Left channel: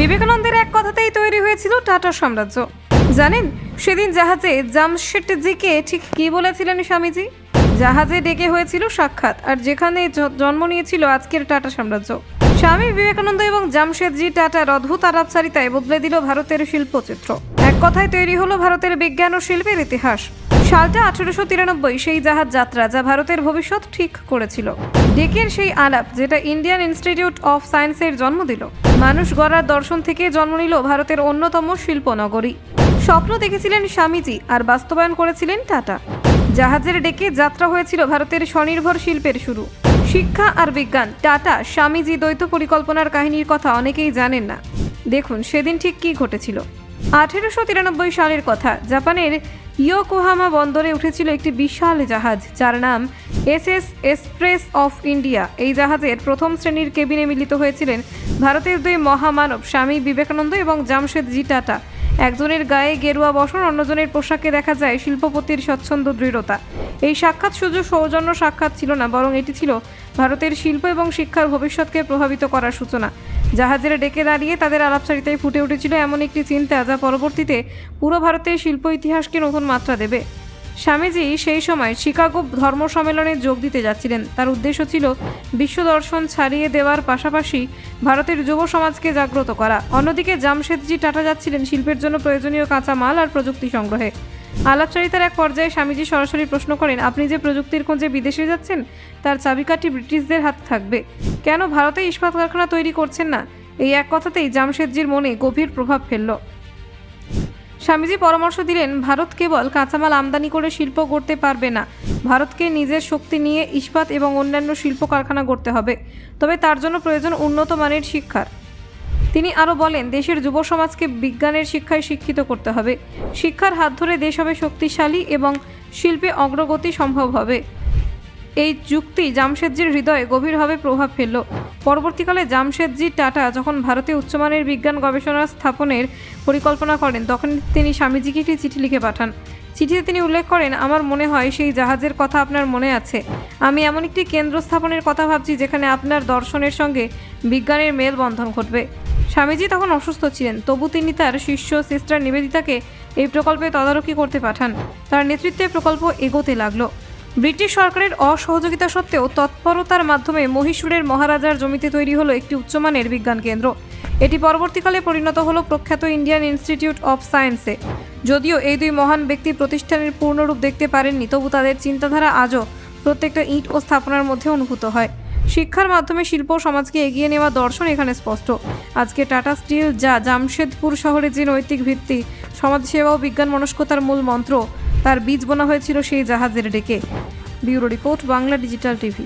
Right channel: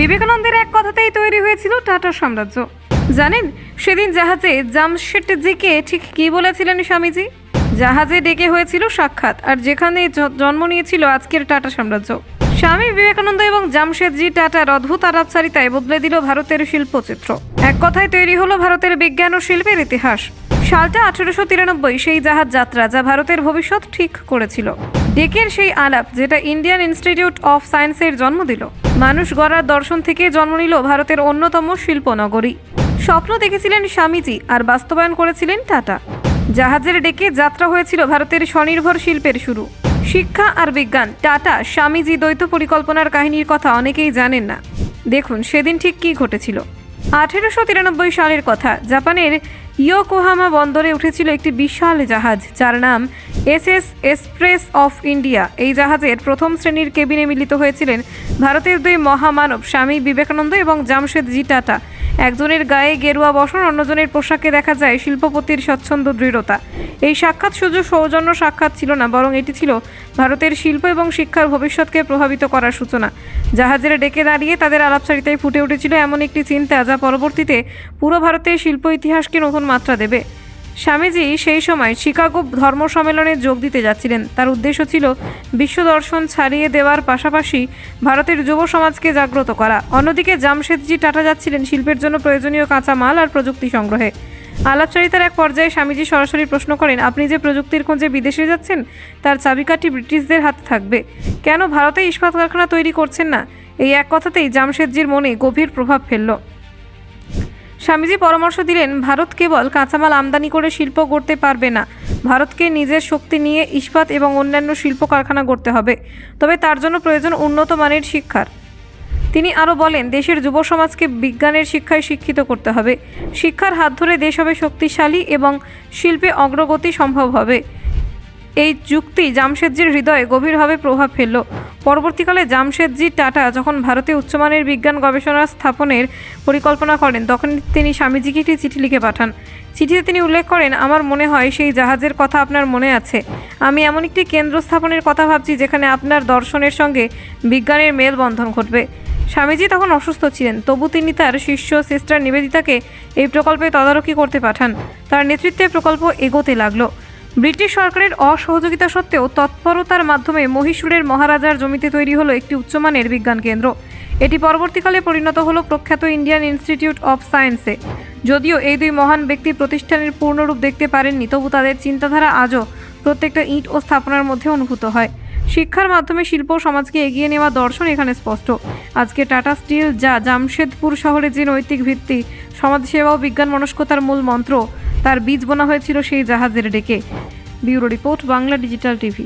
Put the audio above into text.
বিবেকানন্দের এক কথাতেই তৈরি হয়েছিল টাটা সাম্রাজ্য। জানেন সেদিন জাহাজে জামশেদজিকে ঠিক কী বলেছিলেন স্বামীজি? জাহাজে ডেকে হয়েছিল সাক্ষাৎ, আর যেখানে জন্ম নিয়েছিল আজকের টাটা সাম্রাজ্য। স্বামী বিবেকানন্দ এবং জামশেদজি টাটার অদ্ভুত আলাপচারিতায় বদলে দিল ভারতের শিল্পচিত্র। এক কথায় তৈরি হলো ভারতের বিজ্ঞান ও শিল্পের ইতিহাস। সালটা 1893, সেই জাহাজ যাত্রা যা ভারতের ভবিষ্যৎ ঠিক করেছিল। ডেকের সেই আলাপ যেটা ইন্ডিয়ান ইনস্টিটিউট অফ সায়েন্সের জন্ম দিল। মানুষ গড়ার দর্শন থেকে জন্ম নিল ভারতের অন্যতম শিল্পনগরী। স্বপ্ন দেখেছিলেন স্বামীজি আর বাস্তবায়ন করেছিলেন টাটা। জাহাজের ডেকে যাত্রা হয়েছিল ভারতের স্বনির্ভর শিল্পের শুরু। শিক্ষা আর বিজ্ঞান, টাটা স্বামীজি দ্বৈত পরিকল্পনার কাহিনীর কথা অনেকেই জানেন না। দেখুন সেদিন ঠিক কী ঘটেছিল। 1893 সালের কথা। জাপানের ইয়োকোহামা বন্দরে উঠেছিল একটি বিশাল জাহাজ যার নাম এসএস এক্সপ্রেস অফ ইন্ডিয়া। এই জাহাজের প্রথম শ্রেণীর কেবিনে মিলিত হয়েছিলেন ভারতের দুই মহামানব স্বামী বিবেকানন্দ এবং জামশেদজি টাটা। একজনের গায়ে গেরুয়া বসন, অন্যজনের পোশাকে দেখা যায় শিল্পপতির স্বচ্ছন্দ দৃঢ়তা। এই সাক্ষাৎ শুধু সৌজন্য সাক্ষাৎ ছিল না, বরং এটি ছিল ভারতের শিল্প এবং শিক্ষার ভবিষ্যৎকে প্রভাবিত করার সূচনা। জাহাজের ডেকে দাঁড়িয়ে তাদের আলাপচারিতায় ফুটে উঠেছিল এমন একটি চিন্তা যা পরবর্তীতে পুরো ভারতের শিল্প ইতিহাসকে নতুন মাত্রা দেবে। স্বামীজি সেই সময় শিকাগো ধর্ম সম্মেলনে যোগ দিতে যাচ্ছিলেন। তার উদ্দেশ্য ছিল বিশ্ব দর্শন ছাড়িয়ে দেওয়ার পাশাপাশি ভারতের যুব সমাজকে জাগ্রত করা। অন্যদিকে জামশেদজি টাটা যাচ্ছিলেন শিল্পের জন্য প্রয়োজনীয় কাঁচামাল আর প্রযুক্তি সংগ্রহে। আলাপচারিতার এক পর্যায়ে স্বামীজি সরাসরি প্রশ্ন করেন, আপনি যে প্রযুক্তির খোঁজে বিদেশে যাচ্ছেন তার চাবিকাঠি ব্রিটিশদের হাতে থাকবে, কেন ভারতে ইস্পাত কারখানা তৈরি করছেন না? এই এক কথাতেই জামশেদজির মনে গভীর প্রভাব ফেলল। স্বামীজি পরামর্শ দিলেন, ভারত কেবল কাঁচামাল আমদানি করে শিল্প গড়তে পারবে না, ভারতকে নিজের শক্তি নিয়ে ইস্পাত এবং অন্যান্য শিল্প কারখানা গড়তে হবে। তবে তার জন্য প্রয়োজন উন্নত মানের শিক্ষার। তিনি আরও বলেন, দেশের যুব সমাজকে বিজ্ঞানের শিক্ষায় শিক্ষিত করতে হবে। শিক্ষার হাত ধরে দেশ হবে শক্তিশালী এবং শিল্পে অগ্রগতি সম্ভব হবে। এই যুক্তি জামশেদজির হৃদয়ে গভীরভাবে প্রভাব ফেলল। পরবর্তীকালে জামশেদজি টাটা যখন ভারতে উচ্চমানের বিজ্ঞান গবেষণা স্থাপনের পরিকল্পনা করেন, তখন তিনি স্বামীজিকে একটি চিঠি লিখে পাঠান। চিঠিতে তিনি উল্লেখ করেন, আমার মনে হয় সেই জাহাজের কথা আপনার মনে আছে। আমি এমন একটি কেন্দ্র স্থাপনের কথা ভাবছি যেখানে আপনার দর্শনের সঙ্গে বিজ্ঞানের মেলবন্ধন ঘটবে। স্বামীজি তখন অসুস্থ ছিলেন, তবু তিনি তার শিষ্য সিস্টার নিবেদিতাকে এই প্রকল্পে তদারকি করতে পাঠান। তার নেতৃত্বে প্রকল্প এগোতে লাগলো। ব্রিটিশ সরকারের অসহযোগিতা সত্ত্বেও তৎপরতার মাধ্যমে মহীশূরের মহারাজার জমিতে তৈরি হলো একটি উচ্চমানের বিজ্ঞান কেন্দ্র। এটি পরবর্তীকালে পরিণত হলো প্রখ্যাত ইন্ডিয়ান ইনস্টিটিউট অফ সায়েন্সে। যদিও এই দুই মহান ব্যক্তি প্রতিষ্ঠানের পূর্ণরূপ দেখতে পারেননি, তবু তাদের চিন্তাধারা আজও প্রত্যেকটা ইট ও স্থাপনার মধ্যে অনুভূত হয়। শিক্ষার মাধ্যমে শিল্প সমাজকে এগিয়ে নেওয়া দর্শন এখানে স্পষ্ট। আজকে টাটা স্টিল যা জামশেদপুর শহরে যে নৈতিক ভিত্তি, সমাজসেবা ও বিজ্ঞান মনস্কতার মূল মন্ত্র, তার বীজ বোনা হয়েছিল সেই জাহাজের ডেকে। Bureau report, Bangla digital TV.